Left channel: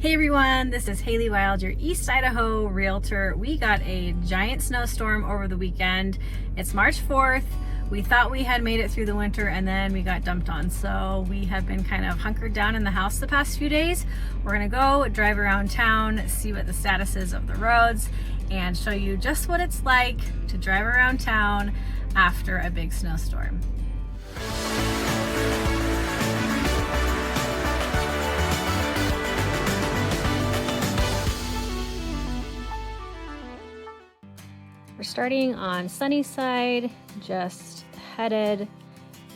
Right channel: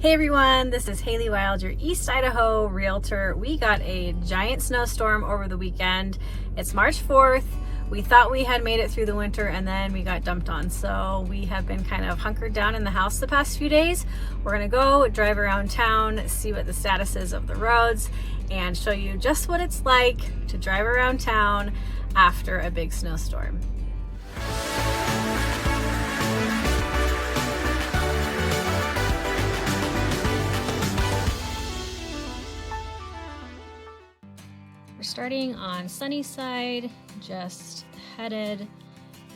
Hey everyone, this is Haley Wild, your East Idaho realtor. We got a giant snowstorm over the weekend. It's March 4th. We thought we had made it through the winter and then we got dumped on. So we have been kind of hunkered down in the house the past few days. We're gonna go drive around town, see what the status is of the roads, and show you just what it's like to drive around town after a big snowstorm. We're starting on Sunnyside, just headed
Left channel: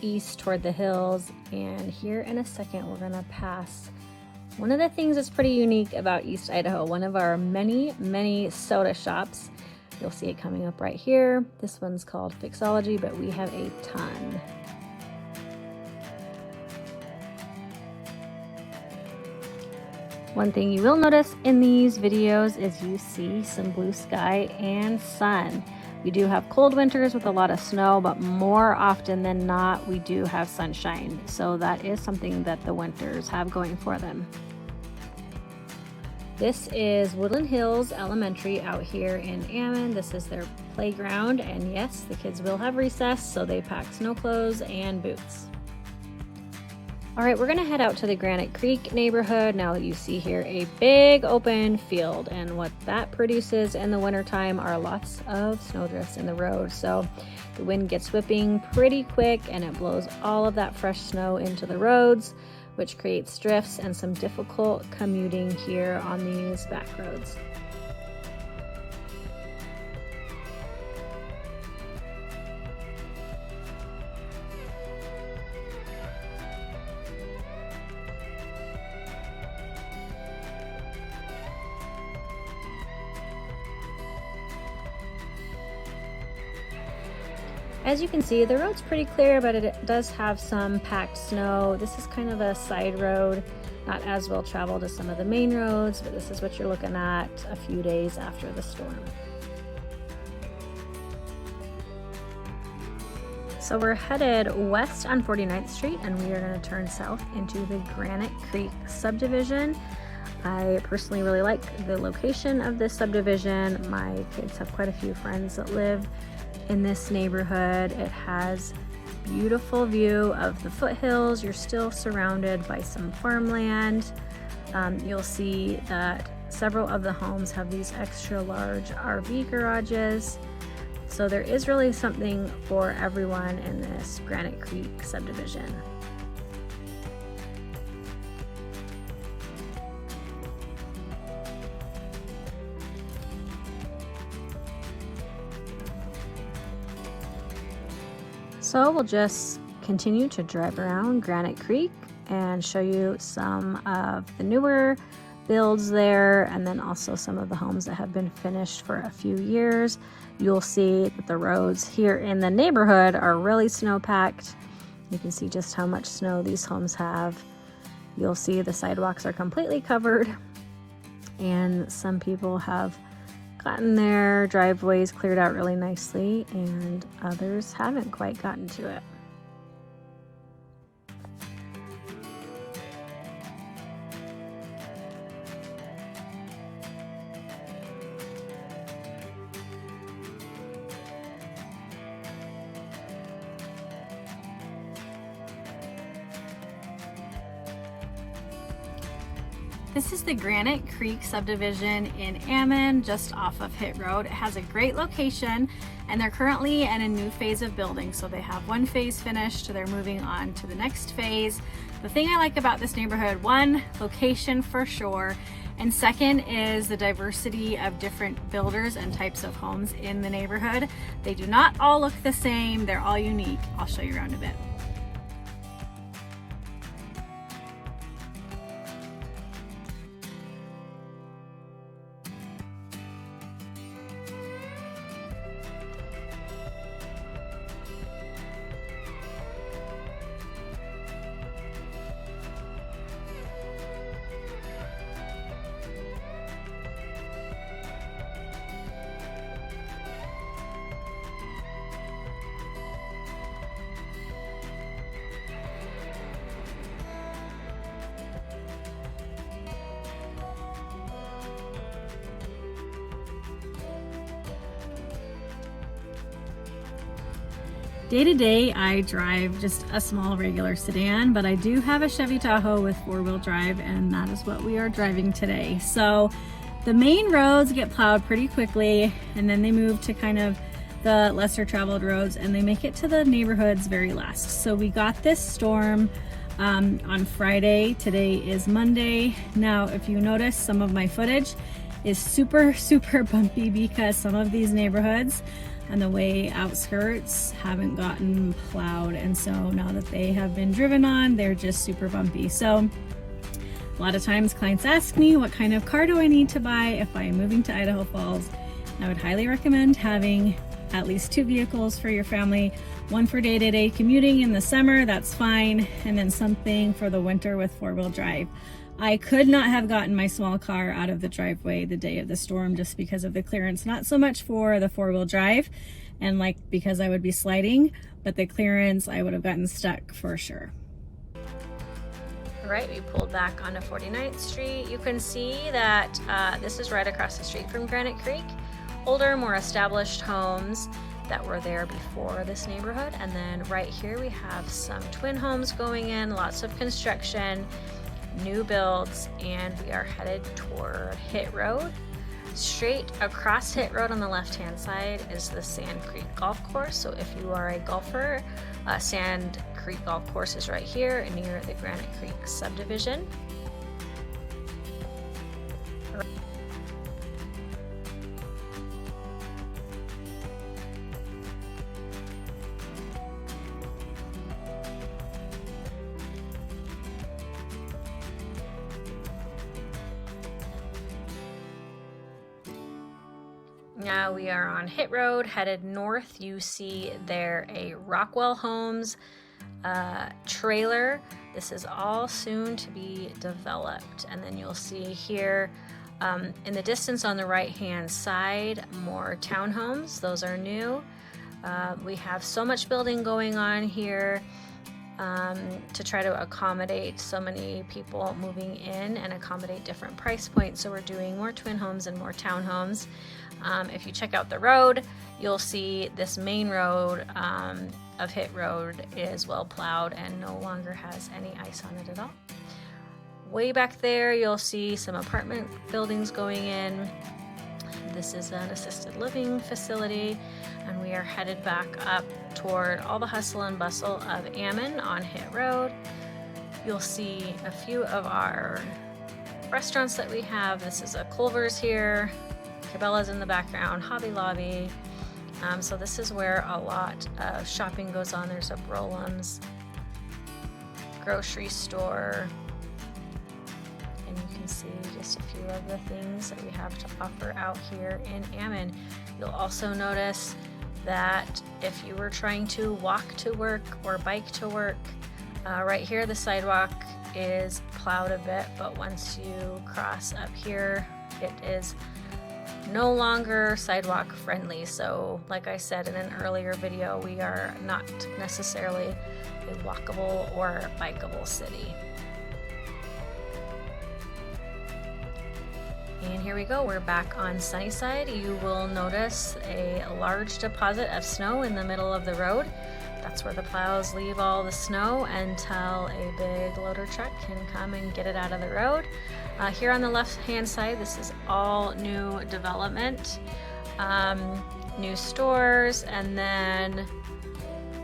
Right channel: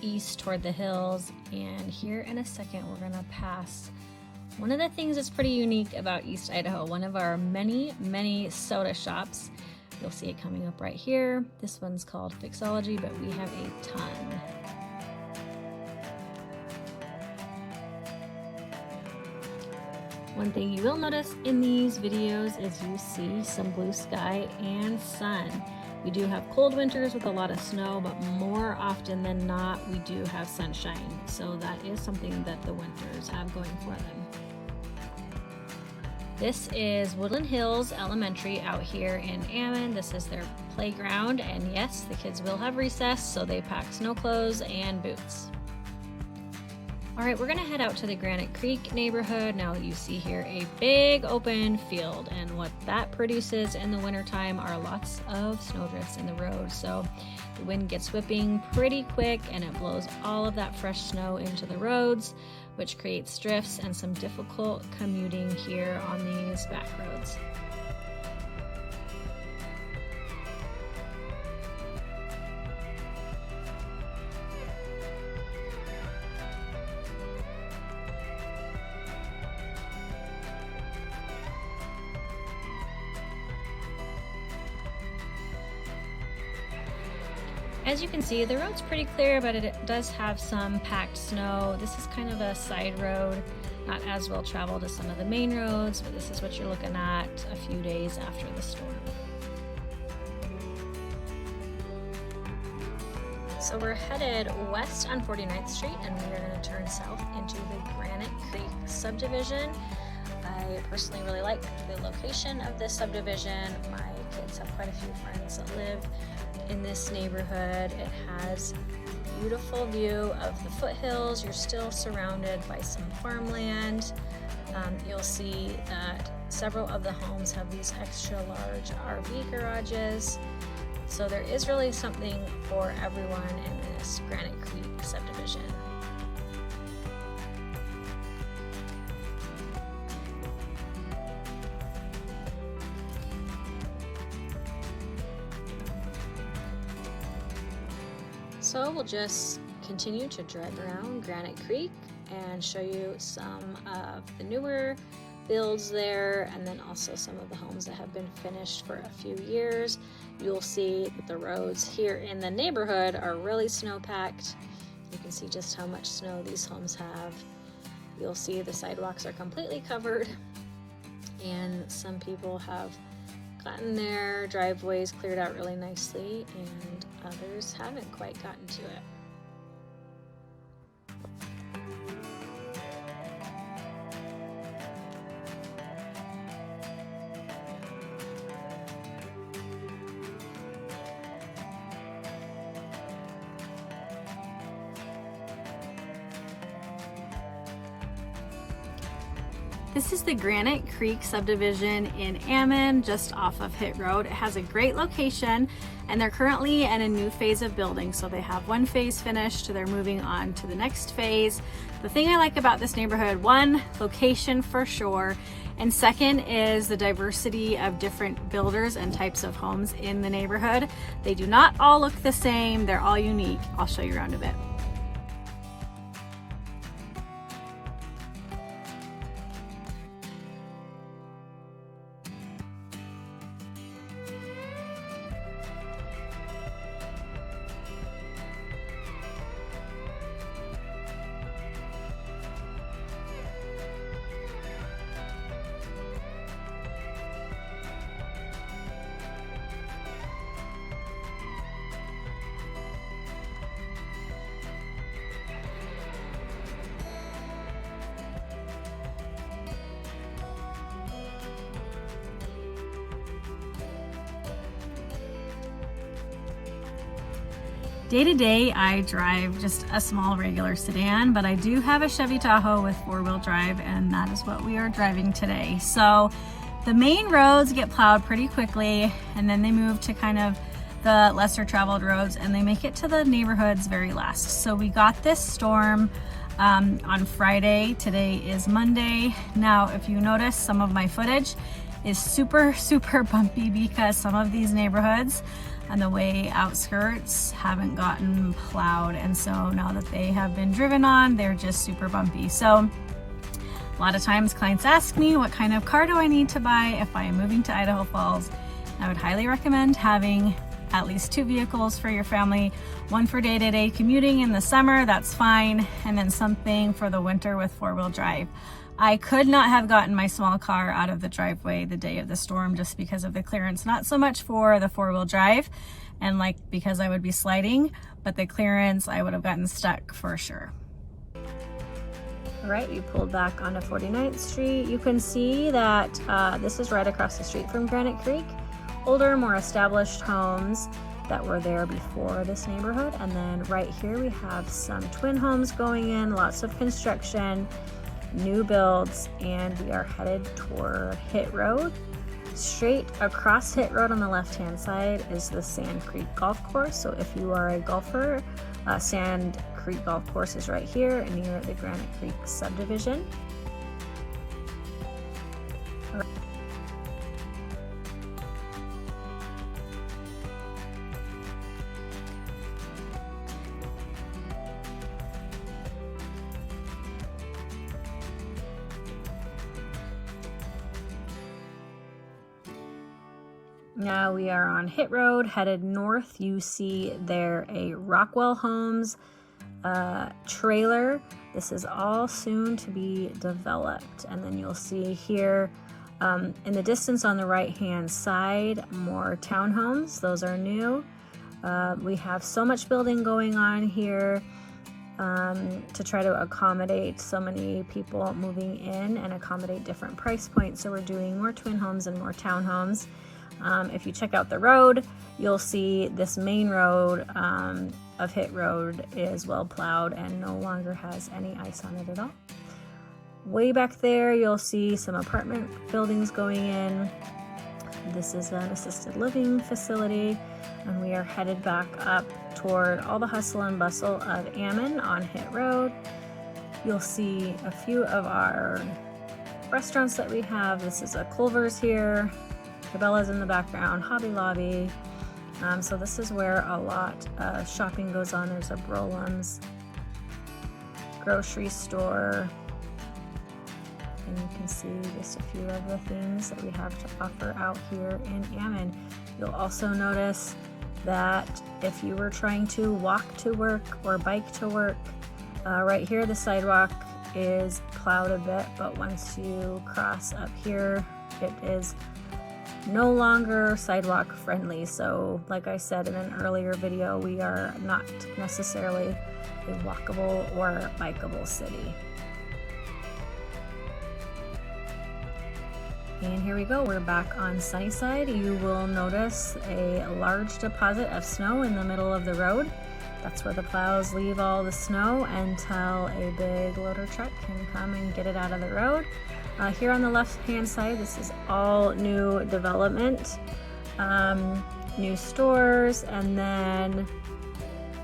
east toward the hills, and here in a second we're gonna pass one of the things that's pretty unique about East Idaho, one of our many soda shops. You'll see it coming up right here. This one's called Fixology, but we have a ton. One thing you will notice in these videos is you see some blue sky and sun. We do have cold winters with a lot of snow, but more often than not, we do have sunshine. So that is something that the winters have going for them. This is Woodland Hills Elementary out here in Ammon. This is their playground, and yes, the kids will have recess, so they packed snow clothes and boots. All right, we're gonna head out to the Granite Creek neighborhood. Now you see here a big open field, and what that produces in the wintertime are lots of snowdrifts in the road. So the wind gets whipping pretty quick and it blows all of that fresh snow into the roads, which creates drifts and some difficult commuting here on these back roads. As you can see, the road's pretty clear, but it does have some packed snow. This is kind of a side road, not as well traveled as some of the main roads, but this is what you're looking at a few days after the storm. So we're headed west on 49th Street, and we are going to turn south into the Granite Creek subdivision. I personally really like the location of this subdivision. My kids have quite a few friends that live in this neighborhood. It has a beautiful view of the foothills. You're still surrounded by some farmland. You'll see that several of the homes have these extra large RV garages. So there is really something for everyone in this Granite Creek subdivision. So we'll just continue to drive around Granite Creek and show you some of the newer builds there, and then also some of the homes that have been finished for a few years. You'll see that the roads here in the neighborhood are really snow-packed. You can see just how much snow these homes have. You'll see the sidewalks are completely covered, and some people have gotten their driveways cleared out really nicely, and others haven't quite gotten to it. This is the Granite Creek subdivision in Ammon, just off of Hit Road. It has a great location, and they're currently in a new phase of building. So they have one phase finished, they're moving on to the next phase. The thing I like about this neighborhood, one, location for sure, and second is the diversity of different builders and types of homes in the neighborhood. They do not all look the same, they're all unique. I'll show you around a bit. Day to day, I drive just a small regular sedan, but I do have a Chevy Tahoe with 4-wheel drive, and that is what we are driving today. So the main roads get plowed pretty quickly, and then they move to kind of the lesser traveled roads, and they make it to the neighborhoods very last. So we got this storm on Friday. Today is Monday. Now, if you notice, some of my footage is super bumpy because some of these neighborhoods on the way outskirts haven't gotten plowed, and so now that they have been driven on, they're just super bumpy. So a lot of times clients ask me, what kind of car do I need to buy if I am moving to Idaho Falls? I would highly recommend having at least 2 vehicles for your family, one for day-to-day commuting in the summer, that's fine, and then something for the winter with 4-wheel drive. I could not have gotten my small car out of the driveway the day of the storm just because of the clearance, not so much for the 4-wheel drive and like because I would be sliding, but the clearance I would have gotten stuck for sure. All right, we pulled back onto 49th Street. You can see that this is right across the street from Granite Creek. Older, more established homes that were there before this neighborhood. And then right here we have some twin homes going in, lots of construction, new builds, and we are headed toward Hit Road. Straight across Hit Road on the left-hand side is the Sand Creek Golf Course. So if you are a golfer, Sand Creek Golf Course is right here near the Granite Creek subdivision. Now we are on Hit Road, headed north. You see there a Rockwell Homes trailer. This is all soon to be developed. And then you'll see here in the distance on the right-hand side, more townhomes. Those are new. We have so much building going on here to try to accommodate so many people moving in and accommodate different price points. So we're doing more twin homes and more townhomes. If you check out the road, you'll see this main road of Hit Road is well plowed and no longer has any ice on it at all. Way back there, you'll see some apartment buildings going in. This is an assisted living facility, and we are headed back up toward all the hustle and bustle of Ammon on Hit Road. You'll see a few of our restaurants that we have. This is a Culver's here. Cabela's in the background, Hobby Lobby. So this is where a lot of shopping goes on. There's a Brolam's grocery store. And you can see just a few of the things that we have to offer out here in Ammon. You'll also notice that if you were trying to walk to work or bike to work, right here the sidewalk is plowed a bit, but once you cross up here, it is no longer sidewalk friendly. So like I said in an earlier video, we are not necessarily a walkable or bikeable city. And here we go, we're back on Sunnyside. You will notice a large deposit of snow in the middle of the road. That's where the plows leave all the snow until a big loader truck can come and get it out of the road. Here on the left-hand side, this is all new development, new stores, and then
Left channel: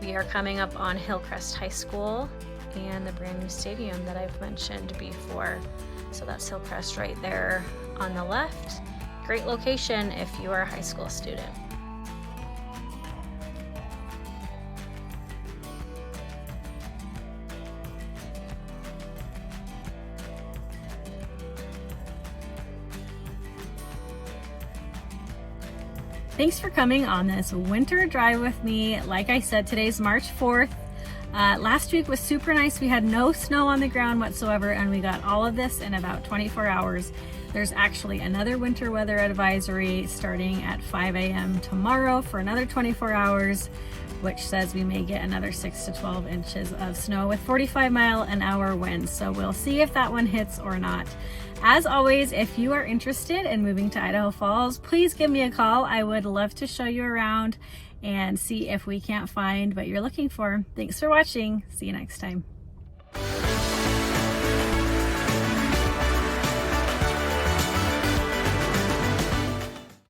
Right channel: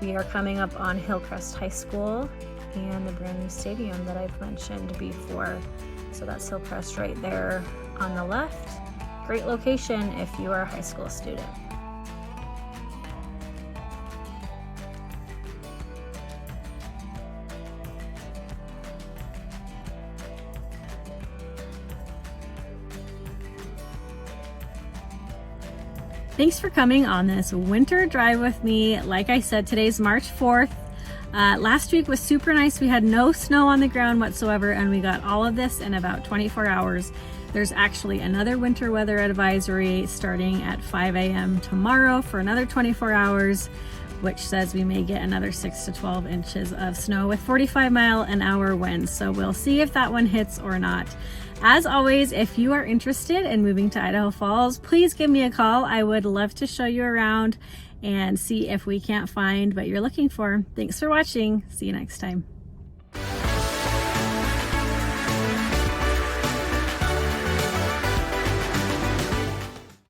we are coming up on Hillcrest High School and the brand new stadium that I've mentioned before. So that's Hillcrest right there on the left. Great location if you are a high school student. Thanks for coming on this winter drive with me. Like I said, today's March 4th. Last week was super nice. We had no snow on the ground whatsoever, and we got all of this in about 24 hours. There's actually another winter weather advisory starting at 5 a.m. tomorrow for another 24 hours, which says we may get another 6 to 12 inches of snow with 45-mile-an-hour winds. So we'll see if that one hits or not. As always, if you are interested in moving to Idaho Falls, please give me a call. I would love to show you around and see if we can't find what you're looking for. Thanks for watching. See you next time.